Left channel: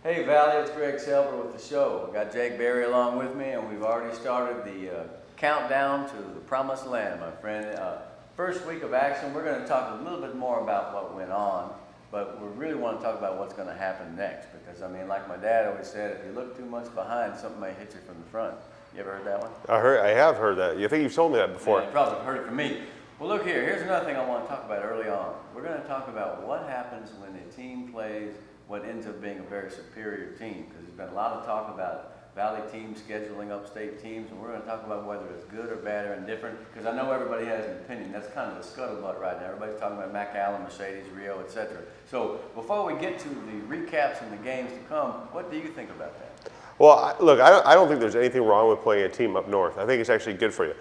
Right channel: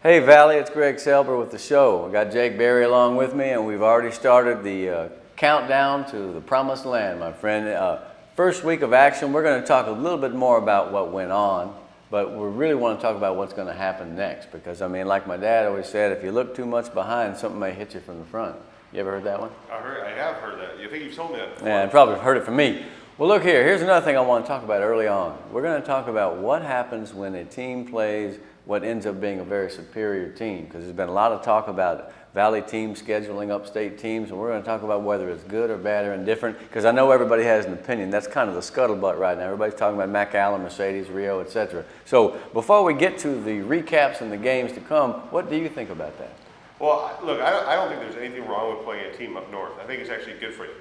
Hey Valley, it's Greg Selber with the show. I got Jake Berry along with me, and we've already started the countdown to the promised land, my friend. First week of action, we're going to talk a little bit more about what went on, but we really want to talk about what's going to happen next. Because, I mean, like my dad always said, if you look too much behind, something may hit you from the front. You ever heard that one? I have heard that. You think you've told me that before? Yeah, you probably heard it from me. Well, look here. Here's another thing I want to talk about early on. We're going to talk about what happens when a team plays what ends up being a very superior team, because there's been a lot of talk about Valley teams scheduling upstate teams, and we're going to talk about whether it's good or bad or indifferent, because I know everybody has an opinion. That's kind of the scuttlebutt right now. Everybody's talking about McAllen, Mercedes, Rio, etc. So before we get to the recaps and the games to come, what do you think about that? Well, look, I don't think there's anything wrong with playing a team up north. I think it's actually good for you.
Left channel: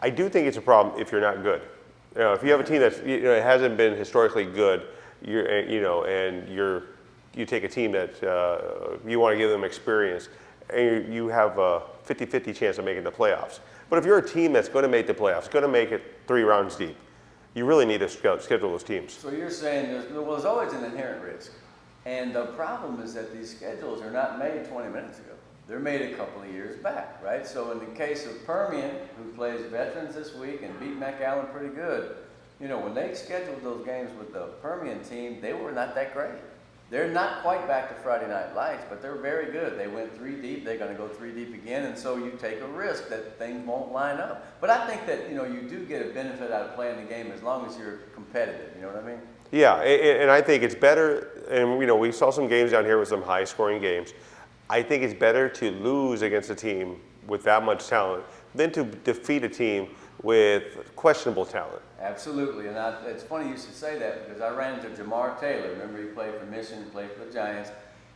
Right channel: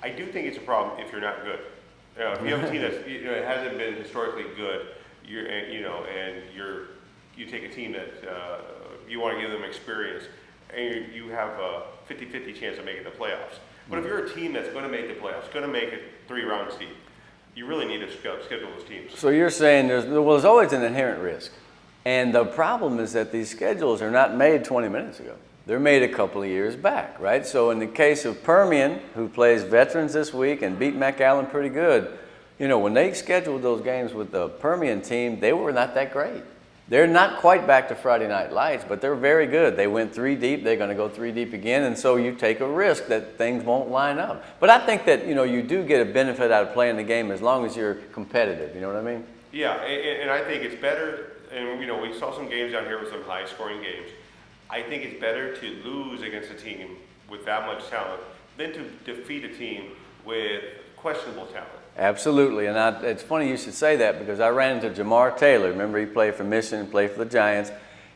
I do think it's a problem if you're not good. You know, if you have a team that hasn't been historically good, you take a team that you want to give them experience, and you have a 50-50 chance of making the playoffs. But if you're a team that's going to make the playoffs, going to make it 3 rounds deep, you really need to schedule those teams. So you're saying there's always an inherent risk. And the problem is that these schedules are not made 20 minutes ago. They're made a couple of years back, right? So in the case of Permian, who plays veterans this week and beat McAllen pretty good, you know, when they scheduled those games with the Permian team, they were not that great. They're not quite back to Friday Night Lights, but they're very good. They went 3 deep. They're going to go 3 deep again, and so you take a risk that things won't line up. But I think that, you know, you do get a benefit out of playing the game as long as you're competitive. You know what I mean? Yeah, and I think it's better, and, you know, we saw some games down here with some high-scoring games. I think it's better to lose against a team with that much talent than to defeat a team with questionable talent. Absolutely, and it's funny you should say that, because I ran into Jamar Taylor. Remember, he played for Michigan, played for the Giants.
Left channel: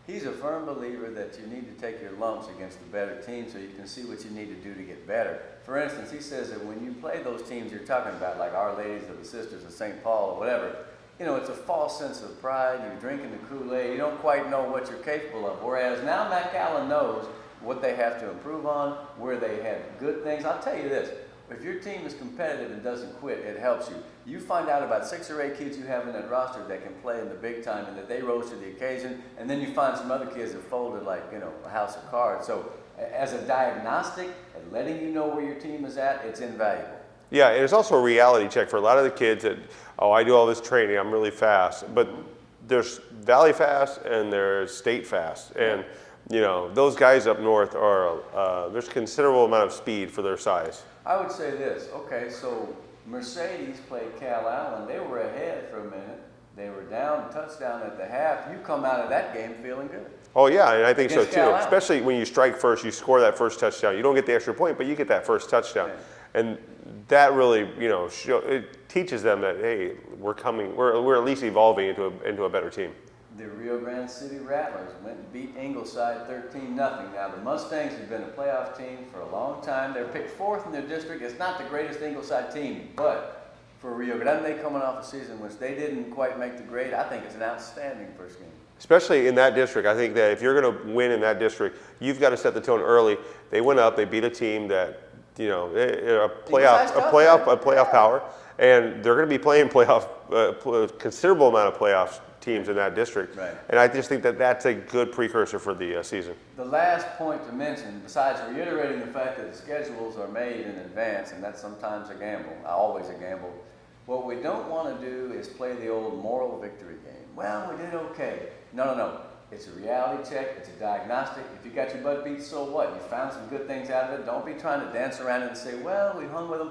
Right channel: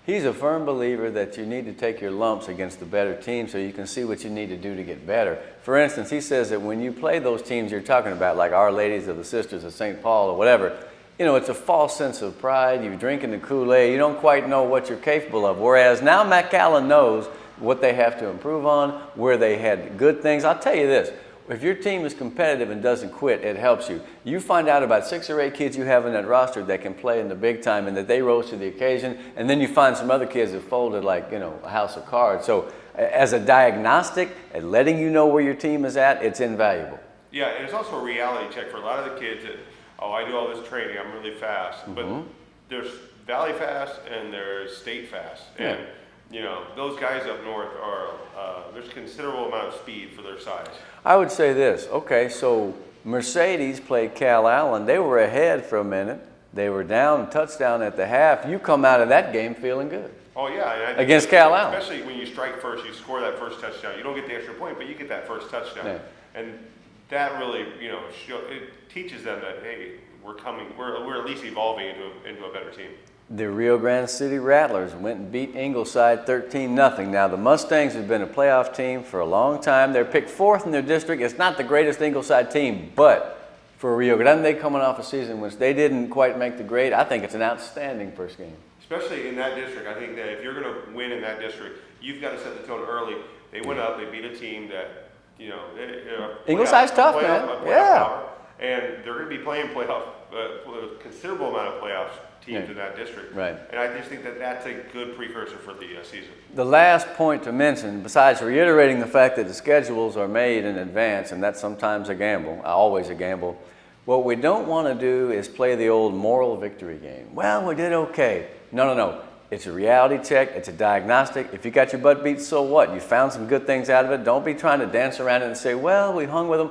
He's a firm believer that you need to take your lumps against the better team so you can see what you need to do to get better. For instance, he says that when you play those teams you're talking about, like Our Ladies of the Sisters of St. Paul or whatever, you know, it's a false sense of pride. You're drinking the Kool-Aid. You don't quite know what you're capable of. Whereas now McAllen knows what they have to improve on, where they had good things. I'll tell you this. If your team is competitive and doesn't quit, it helps you. You find out about 6 or 8 kids you have in that roster that can play in the big time and that they rose to the occasion, and then you find some other kids that folded like, you know, a house of cards. So as a diagnostic and letting you know where your team is at, it's invaluable. Yeah, and it's also a reality check for a lot of the kids that, oh, I do all this training, I'm really fast. But there's Valley fast and there's state fast. And you know, those guys up north are, there's considerable amount of speed for their size. I would say this. Okay, so Mercedes played Cal Allen. They were ahead for a minute. They were down, touchdown at the half. You come out of that game feeling good. Oh, yeah, and I think against so Cal too. Allen. Especially when you strike first, you score that first touchdown. You don't get the extra point, but you get that first touchdown. Yeah. And that really, you know, it teaches them that, hey, we're at least evolving into a better team. The Rio Grande City Rattlers went and beat Ingleside 13-0. Now, the Mustangs have been a playoff team for a long time. They're picked 4th in their district. It's not the greatest Ingleside team, but for Rio Grande coming off a season which they didn't quite make the grade, I think it's an outstanding first game. Especially in that district. I think that if you're going to win in that district, you've got to set the tone early. They went up. They beat a team that, you know, a playoff power. And they're going to be playing a considerable amount of playoffs teams in that district. Right. And I just think that that's a good precursor for the season. The last point to mention, besides reiterating the fact that the schedules are made in advance, and that's sometimes a gamble, always a gamble, what we don't want to do is play the old moral victory game. Well, we did okay. No. It's a reality check. It's a diagnostic. If you got your butt beat, so what? You found some good things out of it. Don't be trying to dance around it and say, well, we hung with them.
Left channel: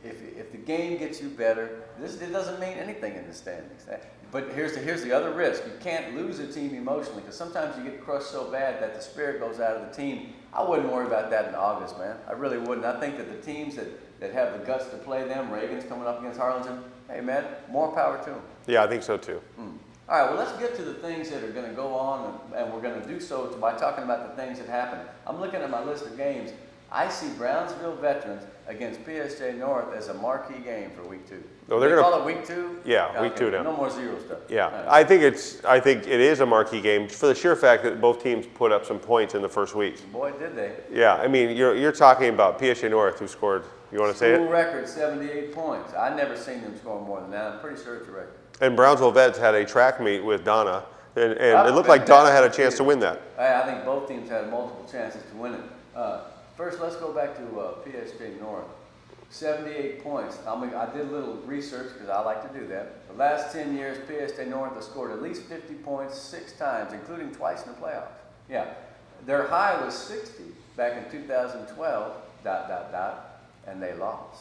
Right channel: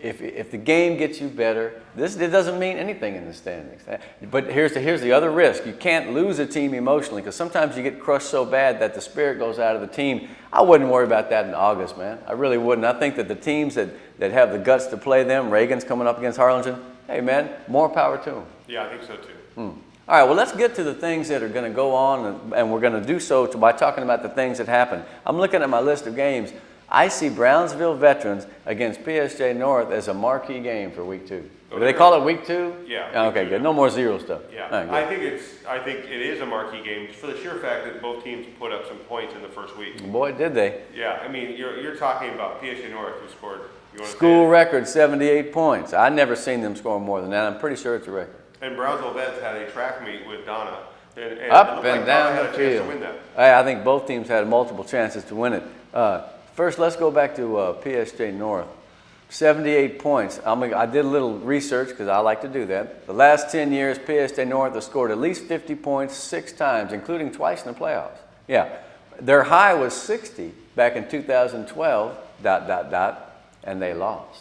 If the game gets you better, it doesn't mean anything in the standings. But here's the other risk. You can't lose a team emotionally, because sometimes you get crushed so bad that the spirit goes out of the team. I wouldn't worry about that in August, man. I really wouldn't. I think that the teams that have the guts to play them, Reagan's coming up against Harlingen, hey, man, more power to them. Yeah, I think so too. All right, well, let's get to the things that are going to go on, and we're going to do so by talking about the things that happen. I'm looking at my list of games. I see Brownsville Veterans against PSJA North as a marquee game for week 2. No, Do they call it week 2? Yeah, week 2 Okay, no more zero stuff. Yeah, Right, I think it is a marquee game for the sheer fact that both teams put up some points in the first week. Boy, did they. Yeah, I mean, you're talking about PSJA North, who scored, you want to say it? School record, 78 points. I've never seen them score more than that. I'm pretty sure it's a record. And Brownsville Vets had a track meet with Donna and it looked like Donna had a chance to win that. I think both teams had multiple chances to win it. First, let's go back to PSJA North. 78 points. I did a little research because I like to do that. The last 10 years, PSJA North has scored at least 50 points 6 times, including twice in the playoffs. Yeah. Their high was 60 back in 2012, and they lost.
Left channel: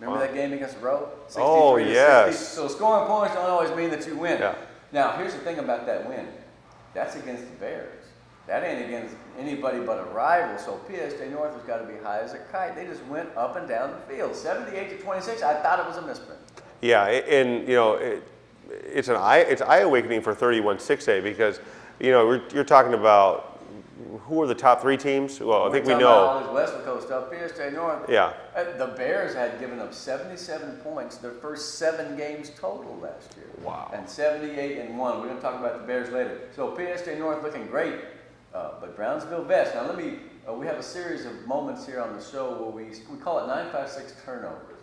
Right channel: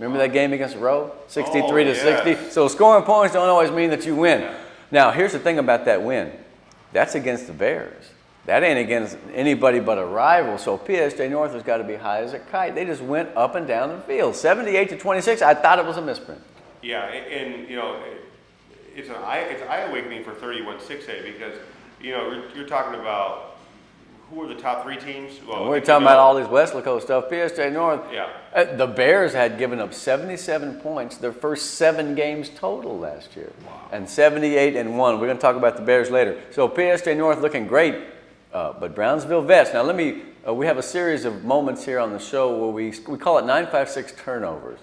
Remember that game against Rowe? 63 to 60? So scoring points don't always mean that you win. Yeah. Now, here's the thing about that win. That's against the Bears. That ain't against anybody but a rival. So PSJA North has got to be high as a kite. They just went up and down the field. 78 to 26. I thought it was a misprint. Yeah, and it's eye-awakening for 31-6A because you're talking about who are the top 3 teams? Well, we're talking about all this Weslaco stuff. PSJA North. Yeah. The Bears had given up 77 points their first 7 games total last year. Wow. And 78-1. We're going to talk about the Bears later. So PSJA North looking great. But Brownsville Vets. Now we have a series of moments here on the show where we call it 956 turnovers.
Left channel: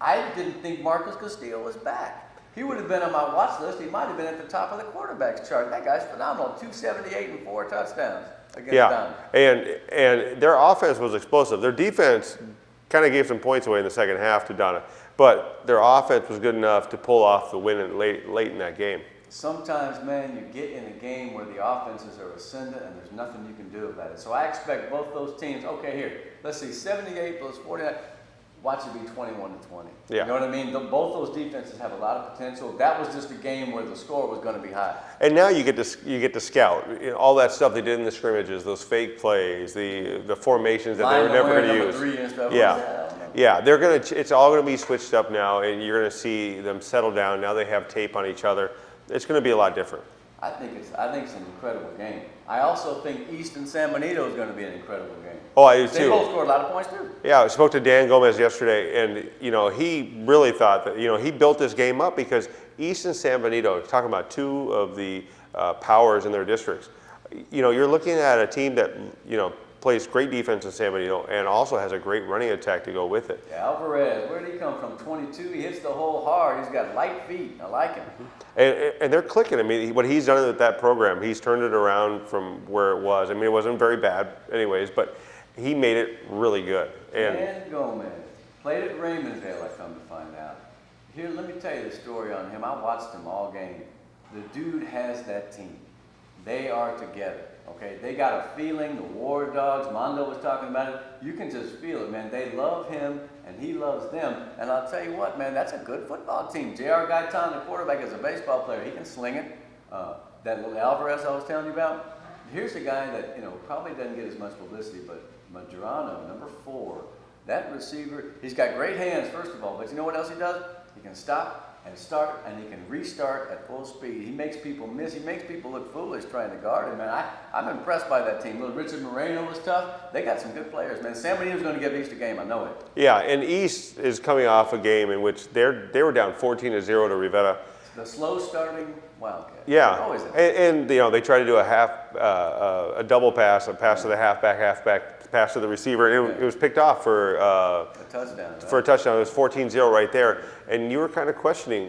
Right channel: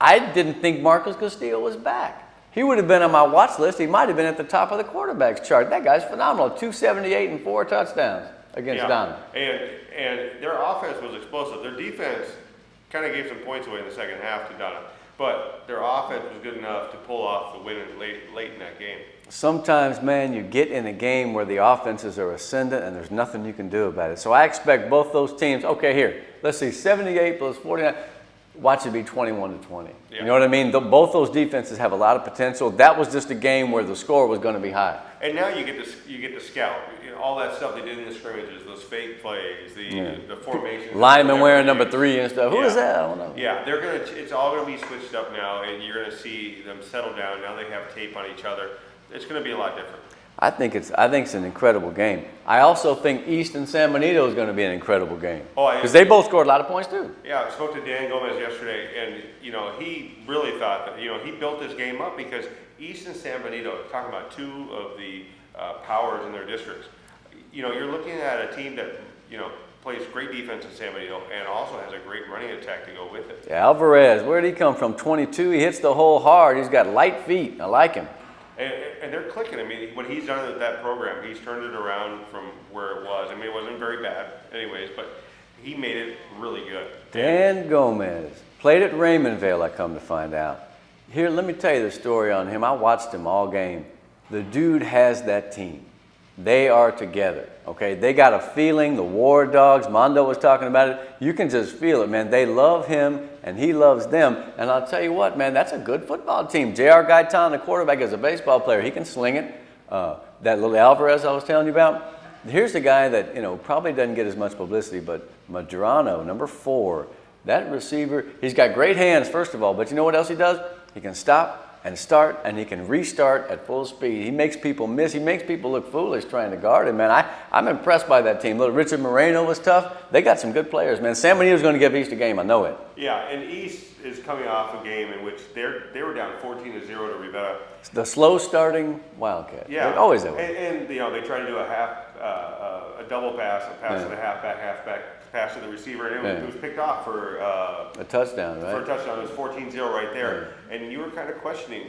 I didn't think Marcus Castillo was back. He would have been on my watch list. He might have been at the top of the quarterbacks chart. That guy's phenomenal. 278 and 4 touchdowns against Don. And their offense was explosive. Their defense kind of gave some points away in the second half to Donna, but their offense was good enough to pull off the win late in that game. Sometimes, man, you get in a game where the offenses are ascendant and there's nothing you can do about it. So I expect both those teams, okay, here, let's see, 78 plus 49, watch it be 21-20. Yeah. You know what I mean? Both those defenses have a lot of potential. That was just a game where the score was going to be high. And now you get to scout all that stuff they did in the scrimmages, those fake plays, the formations. Linemen wearing number 3 and stuff. Who is that? I don't know. Yeah, it's all going to be switched up now, and you're going to see them settle down. Now they have tape on each other. It's going to be a lot different. I think it's an incredible game. I also think East and San Benito is going to be an incredible game. Because they both scored a lot of points too. Yeah, I spoke to Dan Gomez yesterday, and he really thought that he built this game up because East and San Benito, talking about 2 of the powers in their districts. You're looking at a team that plays great defense in San Benito and also has a great running attack to go with it. Yeah, Alvarez, where did he come from? 22. He hits the hole hard. He's got light feet. I like him. And they're clicking. I mean, what he's done with that program, he's turned it around from where it was. I mean, it wasn't very bad anyways, but he made it really good. Dan Gomez played at Raymond Vale, I come to find out. Here, let me tell you the story on him. I watched him all game. The dude has that team. They are together, okay? They got a feeling. The War Dogs, Mondo was talking about it. You can just feel it, man. They love him, and he loves them. And I'll tell you what, man, that's a good football team. J.R. Gaitan, the quarterback, is a baseball player. He can sling it. That little Alvarez I was telling you about, here's the guy that, probably doesn't get as much publicity, but Madrano, number 4, that receiver, he's got great hands, first of all, but you know what else he does? He can stop and start, and he can restart at full speed. He makes people miss. He makes people look foolish trying to guard him, man. I'm impressed by that team. Little Richard Moreno was tough. They got some good players, man. San Benito's going to give East a game. I know it. Yeah, and East is coming off a game in which they were down 14-0 to Rivera. The slow starting Wildcat. Yeah, always that way. And they try to do a double pass, a pass to the halfback, pass to the receiver, and it was picked off for a touchdown, right? For a touchdown. It was 14-0 right there. And you were kind of questioning,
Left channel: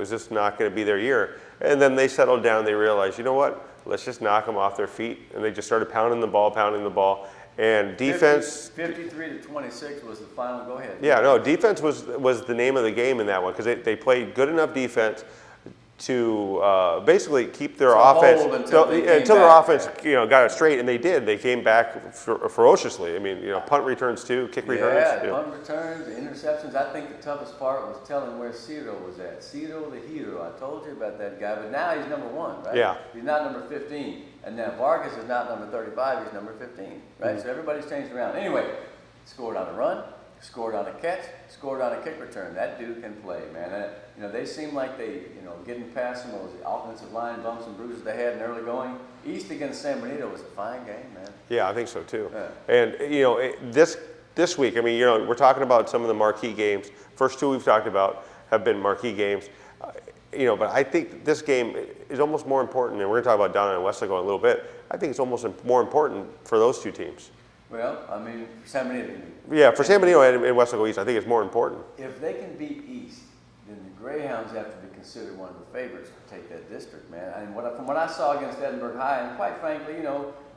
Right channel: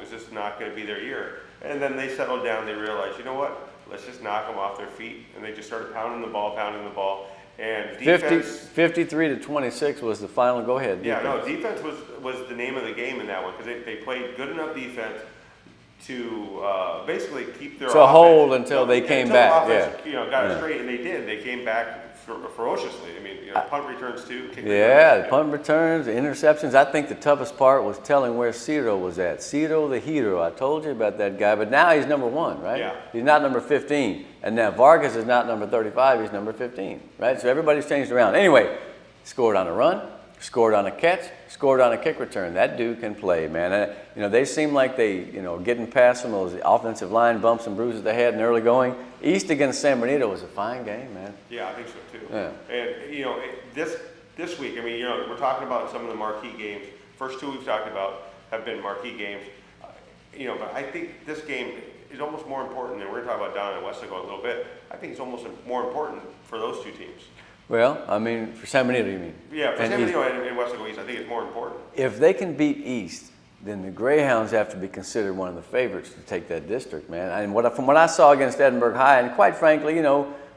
is this not going to be their year? And then they settled down. They realized, you know what? Let's just knock them off their feet. And they just started pounding the ball. And defense. 53 to 26 was the final go-ahead. Yeah, no, defense was the name of the game in that one because they played good enough defense to basically keep their offense hold until they came until back. Their offense got it straight, and they did. They came back ferociously. I mean, punt returns too, kick returns. Yeah, punt returns, interceptions. I think the toughest part was telling where Ciro was at. Ciro the hero. I told you about that guy, but now he's number 1, right? Yeah. He's not number 15, and now Vargas is not number 35. He's number 15, right? So everybody's changed around. Anyway, scored on a run. Scored on a catch, scored on a kick return. That dude can play, man. They seem like they, getting past some of those offensive line bumps and bruises they had in early going. East against San Benito was a fine game, man. Yeah, I think so too. Yeah. And this week, I mean, we're talking about some of the marquee games. First 2 we've talked about have been marquee games. But I think this game is almost more important, and we're going to talk about Donna and Weslaco in a little bit. I think it's almost more important for those 2 teams. Well, I mean, for San Benito, you mean? Yeah, for San Benito and Weslaco East, I think it's more important. If they can beat East, then the Greyhounds have to be considered one of the favorites to take that district, man. And from what I saw against Edinburgh High, and quite frankly,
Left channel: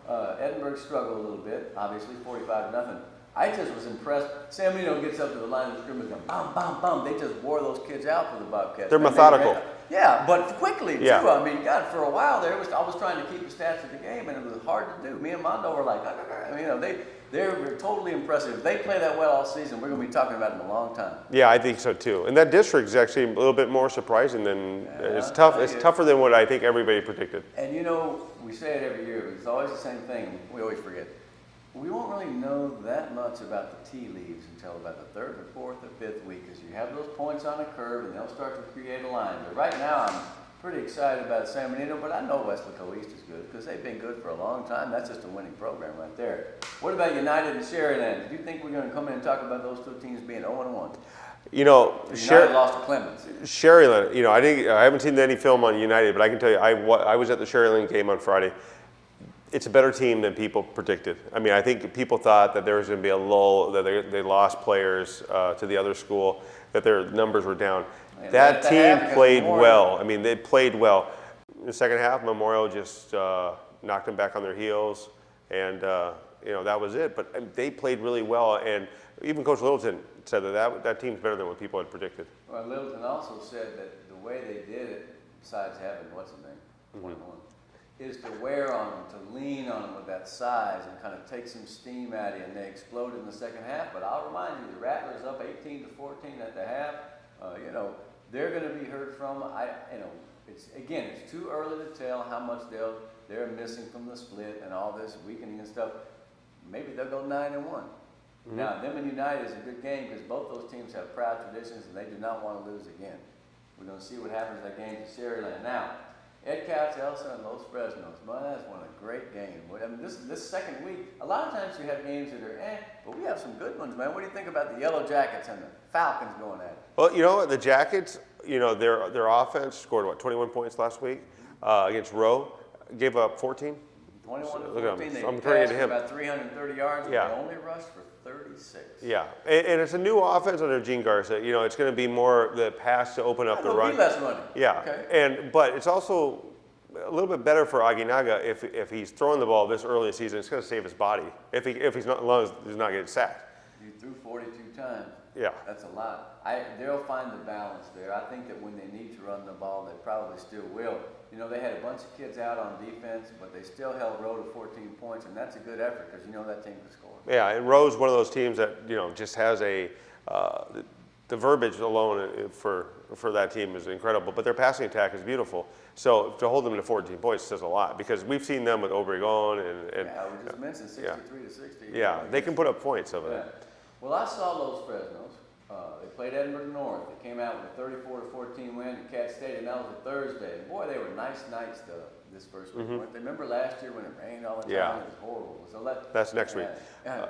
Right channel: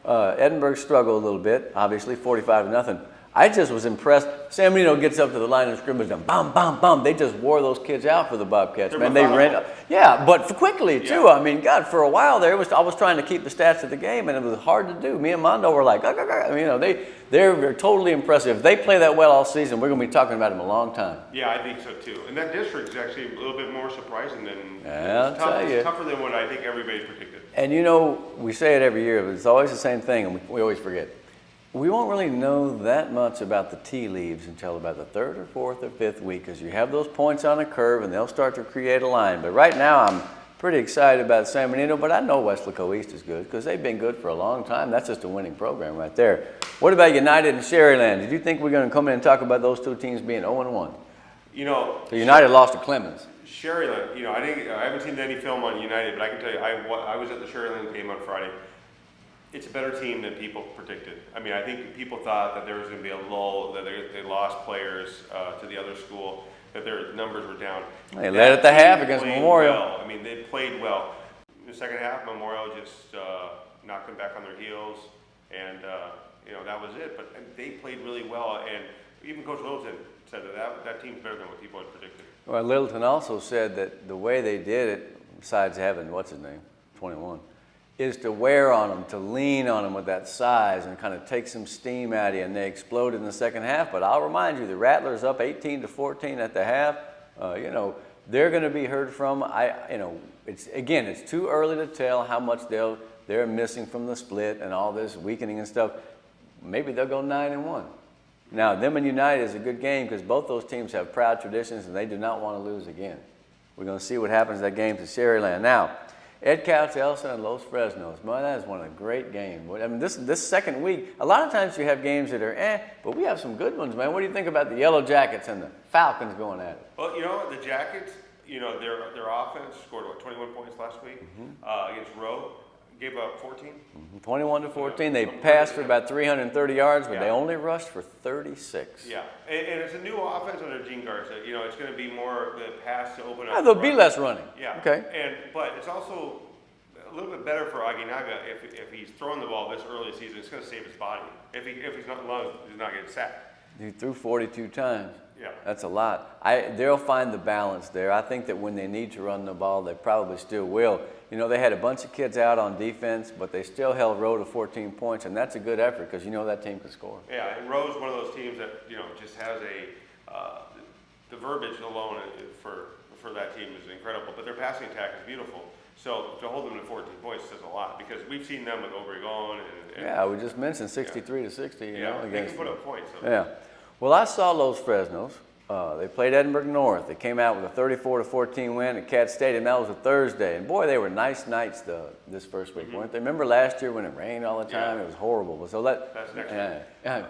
Edinburgh struggled a little bit, obviously 45-0. I just was impressed. San Benito gets up to the line of scrimmage and bam, bam, bam. They just wore those kids out for the Bobcats. They're man, methodical. Yeah, but quickly too. Yeah. I mean, God, for a while there, I was trying to keep the stats of the game, and it was hard to do. Me and Mondo were like, I mean, they're totally impressive. If they play that well all season, we're going to be talking about them a long time. Yeah, I think so too. And that district is actually a little bit more surprising than Yeah, it's tough. It's tougher than what I think everybody predicted. And we say it every year, but it's always the same thing, and we always forget. We won't really know that much about the tea leaves until about the third or fourth or fifth week, because you have those points on a curve and they'll start to create a line. But right now, I'm pretty excited about San Benito, but I know Weslaco East is good because they've been good for a long time. That's just a winning program right there. What about United and Sherryland? Did you think we're going to come in and talk about those two teams being 0-1? United lost to Clemens. Sherryland, I haven't seen any film on United, but I can tell you, I was at the Sherryland game on Friday. It's a better team than people predicted. I mean, I think people thought that there was going to be a lull, that they lost players to the other school, that their numbers were down. They led at the half against played Memorial. well. I mean, they played well. In the second half, Memorial just knocked them back on their heels, and that was it. But they played really well, and even Coach Littleton said that team's better than what people had predicted. Well, Littleton also said that the way they did it, besides having, what's his name, 21, is to wear on them, to lean on them with that size and kind of take some steam out of you, and they exploded in the second half. But I'll remind you, the Rattlers up 18-14 at the half. They're going to be heard from. It's too early to tell how much they're missing from the split and all this weakening and stuff. Maybe they'll go 9-1. Now, them and United is a good game because both those teams have proud traditions and they do not want to lose again. We're going to see what happens in that game to Sherryland. Now, Ed Couch, Elson, and Los Fresnos. Boy, that is one of the great games. I mean, this second week, a lot of times you have games that are but we have some good ones, man. What do you think about the Yellow Jackets and the Falcons going at it? Well, you know what? The Jackets, their offense scored, 21 points last week against Rowe. Gave up 14? 21-14. They passed for about 330 yards, but they only rushed for 36. Yeah, and it's a new offense under Gene Garza. It's going to be more the pass to open up. There'll be less running. Yeah. Okay. But it's also a little bit better for Aguinaga if he's throwing the ball this early in the season. It's going to save his body if he's not, as long as he's not getting sacked. He threw 42 times. Yeah. That's a lot. They'll find the balance there. I think that when they need to run the ball, they probably still will. They had a bunch of kids out on defense, but they still held Rowe to 14 points, and that's a good effort because that team can score. Yeah, and Rowe's one of those teams that, just has the verbiage alone for that team is incredible, but their passing attack is beautiful. So to hold them to 14 points says a lot because we've seen them with Obregon and we just mentioned 63-60. Yeah, they can put up points. Yeah. Well, I saw Los Fresnos. They played Edinburgh North. They came out with a 34-14 win at Cat Stadium. That was a Thursday. And boy, they were nice nights this first week, weren't they? Remember last year when it rained all the time? Yeah. It was horrible. So that's next week.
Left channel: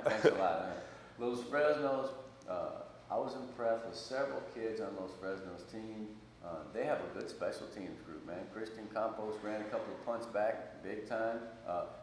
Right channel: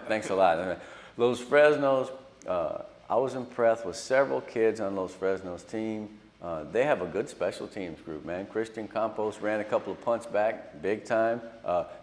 Thanks a lot. Los Fresnos, I was impressed with several kids on Los Fresnos' team. They have a good special teams group, man. Christian Campos ran a couple of punts back, big time.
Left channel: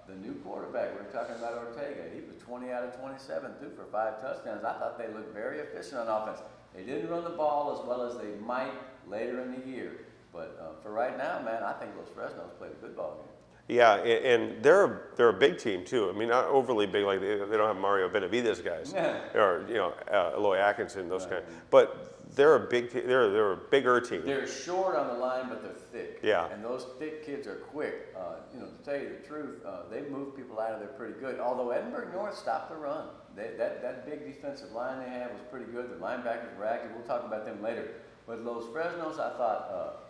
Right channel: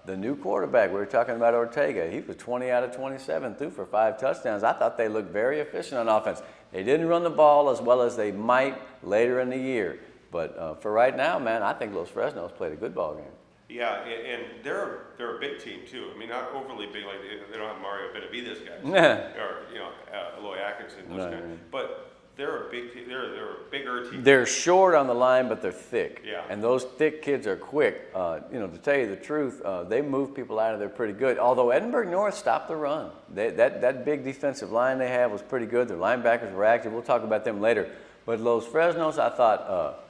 The new quarterback, we were talking about Ortega, he was 20 out of 27, threw for 5 touchdowns. I thought they looked very efficient on offense. They didn't run the ball as well as they might later in the year. But for right now, man, I think Los Fresnos played a good ball game. Yeah, and they're a big team too. I mean, not overly big, like they don't have Mario Benavides guys, or Eloy Atkinson, those guys. But they're a big team. They're a bigger team. They're short on the line, but they're thick. Yeah. And those thick kids are quick. To tell you the truth, they move people out of there pretty good. Although Edinburgh North stopped the run. That big defensive line they have was pretty good. Their linebackers were active. We'll talk about them later. But Los Fresnos, I thought,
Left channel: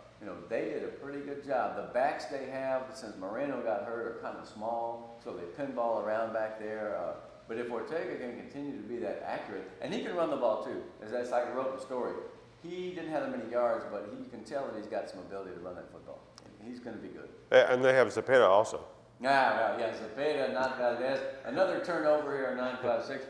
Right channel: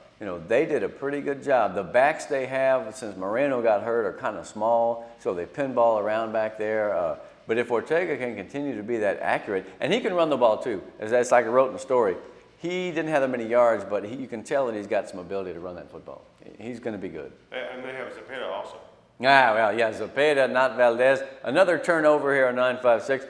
they did a pretty good job. The backs they have, since Moreno got hurt, are kind of small, so they pinball around back there. But if Ortega can continue to be that accurate, and he can run the ball too, as like I wrote in the story, he didn't have that many yards, but you can tell that he's got some ability to run that football. He's going to be good. And they have Zepeda also. Zepeda, not Valdez. Another turnover here on 956.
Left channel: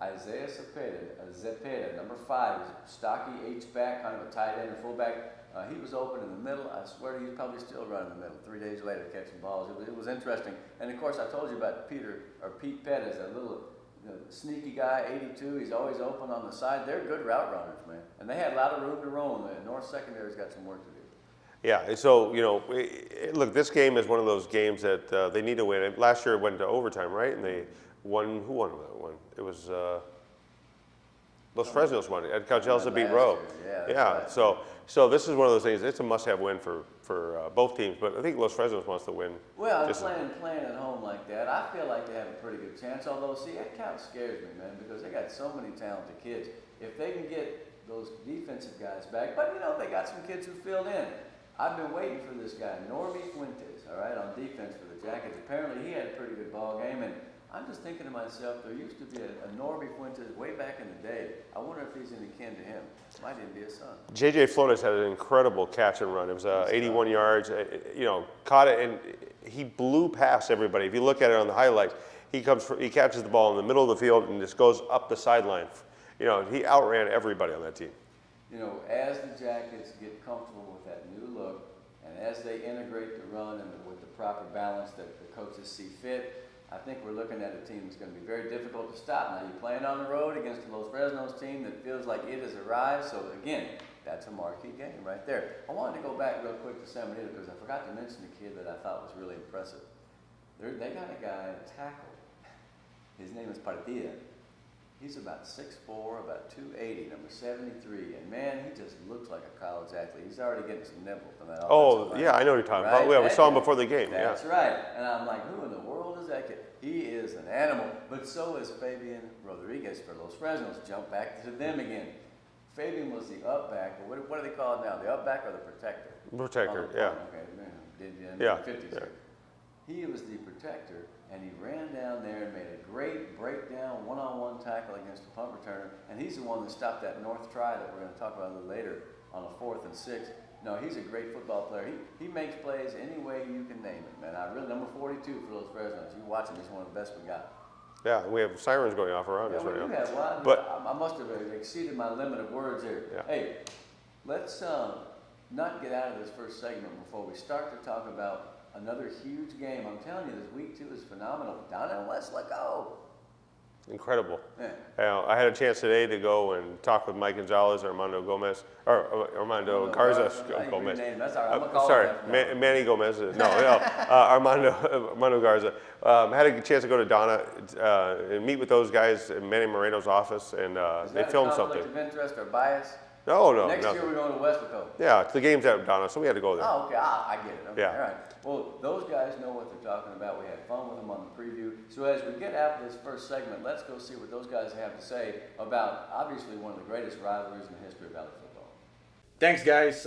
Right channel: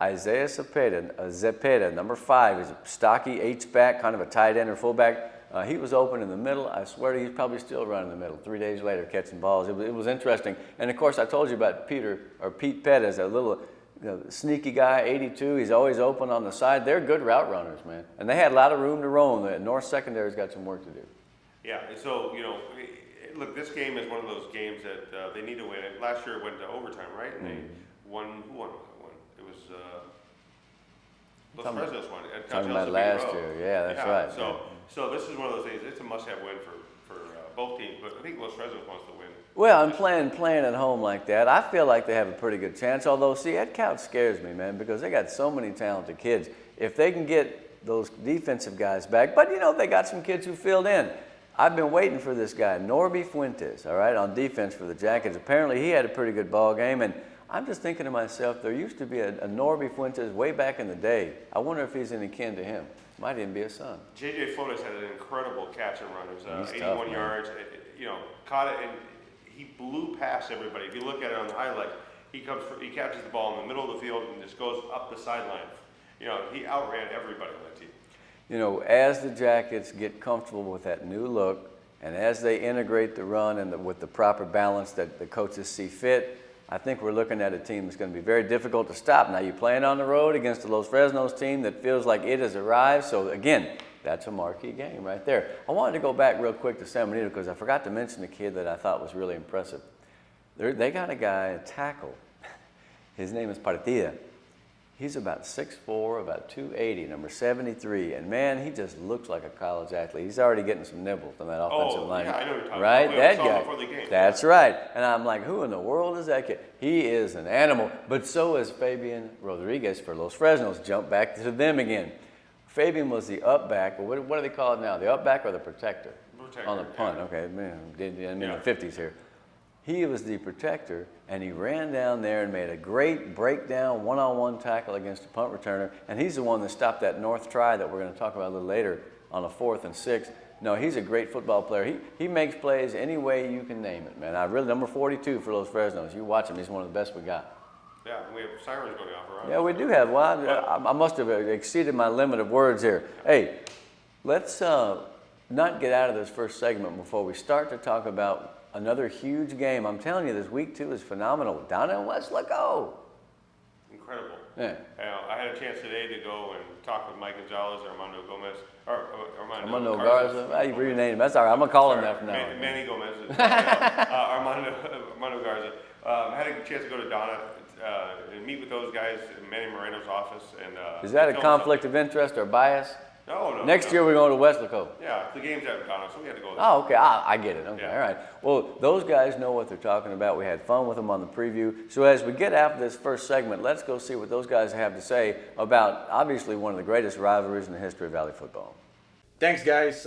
Isaiah Zepeda, number 5. He's a stocky H-back, kind of a tight end or fullback. He was open in the middle. I swear to you, he's probably still running in the middle. 3 days later, catching balls. It was interesting. And of course, I told you about Pete Pettis, a little sneaky guy, 82. He's always open on the side. They're good route runners, man. And they had a lot of room to roam. The North secondary's got some work to do. Yeah, so, look, this game is one of those games that they need to win. Last year it went to overtime, right? And they won. Who won that one? It was Los Fresnos won. Ed Couchel's a big row. Yeah, that's right. So this is one of those things. It's a must-have win for both teams. But I think Los Fresnos wants to win. Well, I'm playing at home like that. I feel like they have a pretty good chance. Although, see, Ed Couch scares me, man, because they got so many talented kids. If they can get those defensive guys back, but they got some kids who filled in. I've been waiting for this guy, Norby Fuentes, all right, on defense for the Jackets. Apparently, he had a pretty good ball game, and I'm just thinking to myself, there used to be a Norby Fuentes way back in the day. I wonder if he's any kin to him. Might even be a son. J.J. Flores had an incredible catch and run. It was 81 yards. Caught it, and he blew past everybody. If you look at it on the highlights, he catches the ball in the middle of the field and just goes up the sideline. He outran everybody on that team. As the Jackets get comfortable with that new look, and as they integrate the run and with the proper balance that the coaches see fit, I think we're looking at a team that's going to be very difficult to stop. Now, you're playing on the road against the Los Fresnos team that feels like it has arrived. So, again, that's a marquee game right there. I wanted to go back real quick to San Benito because I forgot to mention a kid that I thought was really impressive. They got a guy, a tackle. His name is Partida. He's about 6'4", about 280, number 73. And, man, he just looks like a college athlete. He's already getting some nibbles on that offensive line. Oh, yeah, I know what you're talking right? about. We saw him before the game. That's right. And I'm like, who in the world is that kid? He is an animal. But so is Fabian Rodriguez for Los Fresnos. Jump back to them again. Fabian was the up back. Well, what do they call it now? The up back or the protector? Protector, on the front. yeah. Okay, man, in the 50s here. He was the protector, and he ran down there and made a great breakdown one-on-one tackle against the punt returner. And he's the one that stopped that North try that we're going to talk about a little later on a 4th and 6. No, he's a great football player. He makes plays any way you can name it, man. Number 42 for Los Fresnos. You watch him; he's one of the best we got. Yeah, we have sirens going off around us. Yeah, we do have. Well, I must have exceeded my limit of words here. Yeah. Hey, let's not get out of this first segment before we start to talk about another huge game. I'm telling you, this week 2 is phenomenal. Down in Weslaco. Incredible. Yeah. I had a chance today to go and talk with Mike Gonzalez, Armando Gomez, or Armando Garza. You renamed him. That's all right. I'm going to call him that from now. Manny Gomez. Armando Garza. Had a chance to go to Donna and meet with those guys in Manny Moreno's office. And is that a conflict of interest or bias? No. Next year we're going to Weslaco. Yeah, the game's at Donna, so we had to go there. Oh, okay. I get it. Okay, yeah. All right. Well, those guys know what they're talking about. We had fun with them on the preview. So as we get after this first segment, let's go see what those guys have to say about obviously one of the greatest rivalries in the history of Valley football. Thanks, guys.